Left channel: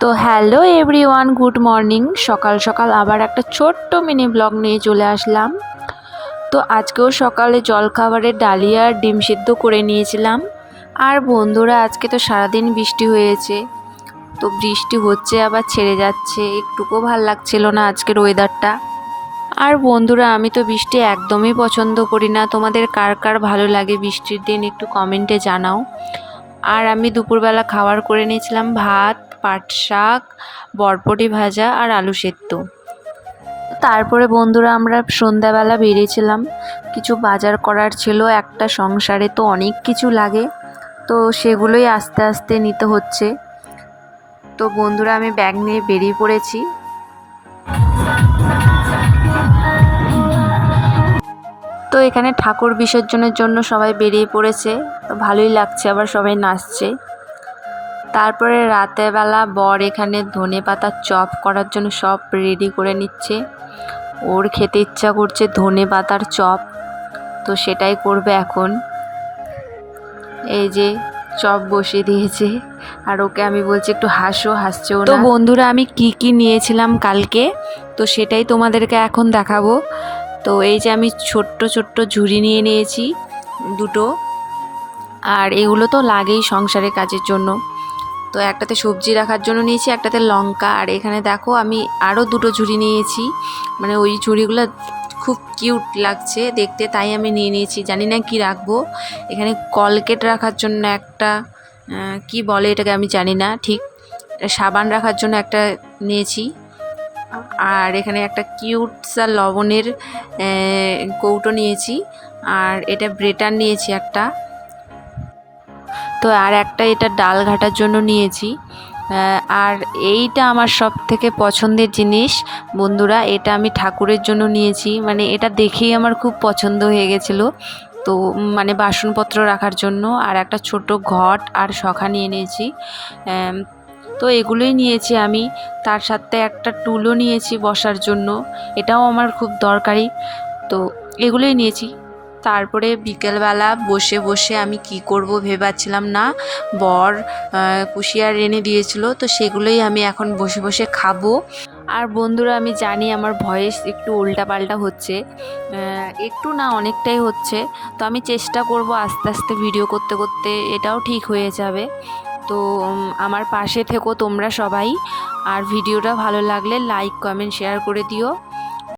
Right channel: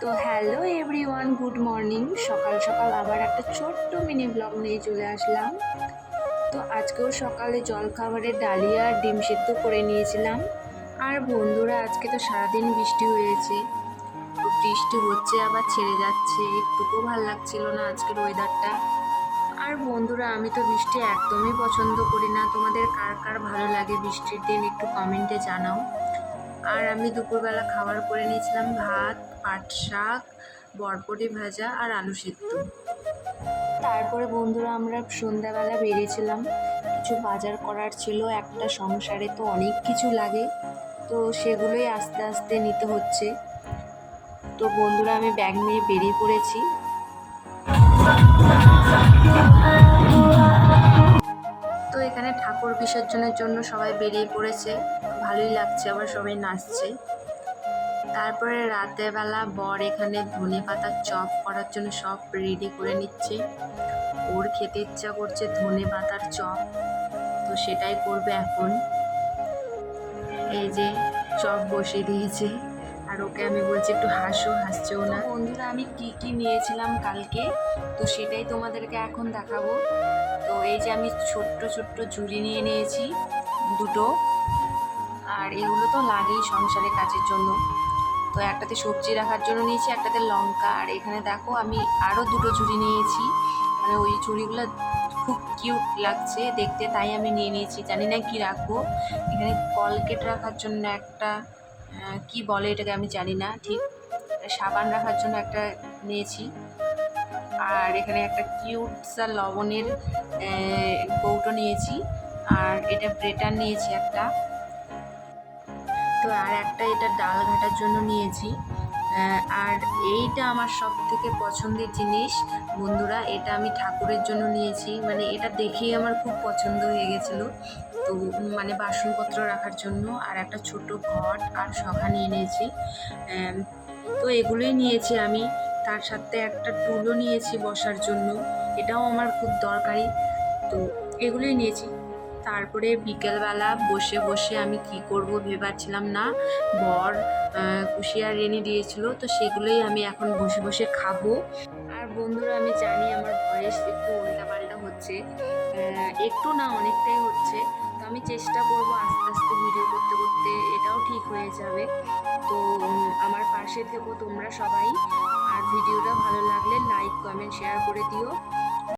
তো hello everyone, good morning. সকাল সকাল আবার একটা ছোট্ট মিনি ব্লগ নিয়ে চলে আসলাম। তো আজকেও সকালে জলখাবারে ডালিয়া আর ডিম সিদ্ধ করে নিয়েছিলাম। আর বন্ধুরা, আজকে তো সারাদিন বৃষ্টি হয়েছে, তো বৃষ্টি হচ্ছে আবার ছেড়ে যাচ্ছে, একটুকুও ভাল লাগছিল না আজকের ওয়েদারটা। আর বন্ধুরা, আমি তো বৃষ্টি একদমই পছন্দ করি না। তোমাদের কার কার ভালো লাগে বৃষ্টির দিন একটু কমেন্টে জানাও। আর আমি দুপুরবেলা খাবার করে নিয়েছিলাম ভাত, পাট শাক, বরবটি ভাজা আর আলু সেদ্ধ। তারপরে বন্ধুরা, আমরা সন্ধ্যাবেলা বেরিয়েছিলাম, কিছু বাজার করার ছিল। একটা সংসারে তো অনেক কিছু লাগে, তো সেগুলোই আস্তে আস্তে নিতে হচ্ছে। তো বন্ধুরা, আমি ব্যাগ নিয়ে বেরিয়ে পড়েছি। তো এখানে ঠাকুর বিসর্জনের জন্য সবাই বেরিয়ে পড়েছে, তো ভালোই লাগছে, আবার সবাই নাচছে। তারপরে রাতের বেলা বর এখানে ধনেপাতার চপ করার জন্য সব রেডি করে নিচ্ছে। ওর খেতে ইচ্ছা করছে ধনেপাতার চপ, তো সেটাই করবে এখন। এই যে চপ বসিয়ে দিয়েছে, আর ওকে আমি বলছি একটু হাসো, হাসছেও না। তো বন্ধুরা, আমি কি কি নিয়েছিলাম কালকে, তো সেটাই তোমাদেরকে এখন দেখাবো। তো এই যে আমি ছোট্ট ছোট্ট ঝুড়ি নিয়ে নিয়েছি দুটো, আর এগুলো তো লাগেই সংসারের কাজের জন্য। তো একটাতে সবজি রাখার জন্য নিয়েছি, একটাতে লঙ্কা। আর এখানে দেখো আমি আরও দুটো ঝুড়ি নিয়েছি, মানে ওই ঝুড়িগুলো খুব কিউট লাগছে দেখতে, তাই আমি নিয়ে নিয়েছি। জানি না কি রাখবো। এখানে কলগেট রাখার জন্য একটা, কি বলে এটাকে আমি জানি না ঠিক, সাবান রাখার জন্য একটা নিয়েছি। আর এখানে একটা কিউট সা লবণের কৌটো নিয়েছি। আর এটা ব্রেটার নিয়েছি একটা। তো আর একটা এটা ডাল ঘাটার জন্য নিয়েছি। আর এইটা আমার সব থেকে পছন্দের জিনিস বন্ধুরা, এটা আমি ঠাকুরের জন্য নিয়েছি। মানে এটা দেখেই আমার খুব পছন্দ হয়ে গেছিলো, তো মানে বাসনপত্র রাখার জন্য। আর একটা ছোট ঘট আর শখা নিয়ে নিয়েছি। তো এগুলোই নিয়েছি আমি। তার সাথে একটা টুলও নিয়েছি বসার জন্য, এটাও আমার খুব দরকারি। তো এগুলোই নিয়েছি। তারপরে বিকেলবেলা বসে বসে আমি কি করব ভেবেছিলাম না। বর কুশিয়ার এনে দিয়েছিল, তো সেগুলোই আমি এখন বসে বসে খাবো। আর বন্ধুরা, আমি জানি আমার ভয়েস একটু উল্টাপাল্টা হচ্ছে, একটু না অনেকটাই হচ্ছে। তো আমি চেষ্টা করব আস্তে আস্তে ভিডিও করতে করতে এটাও ঠিক হয়ে যাবে। তো আমার পাশে থেকো তোমরা সবাই। আর ভিডিওটা ভালো লাগলে লাইক, কমেন্ট, শেয়ার করে দিও।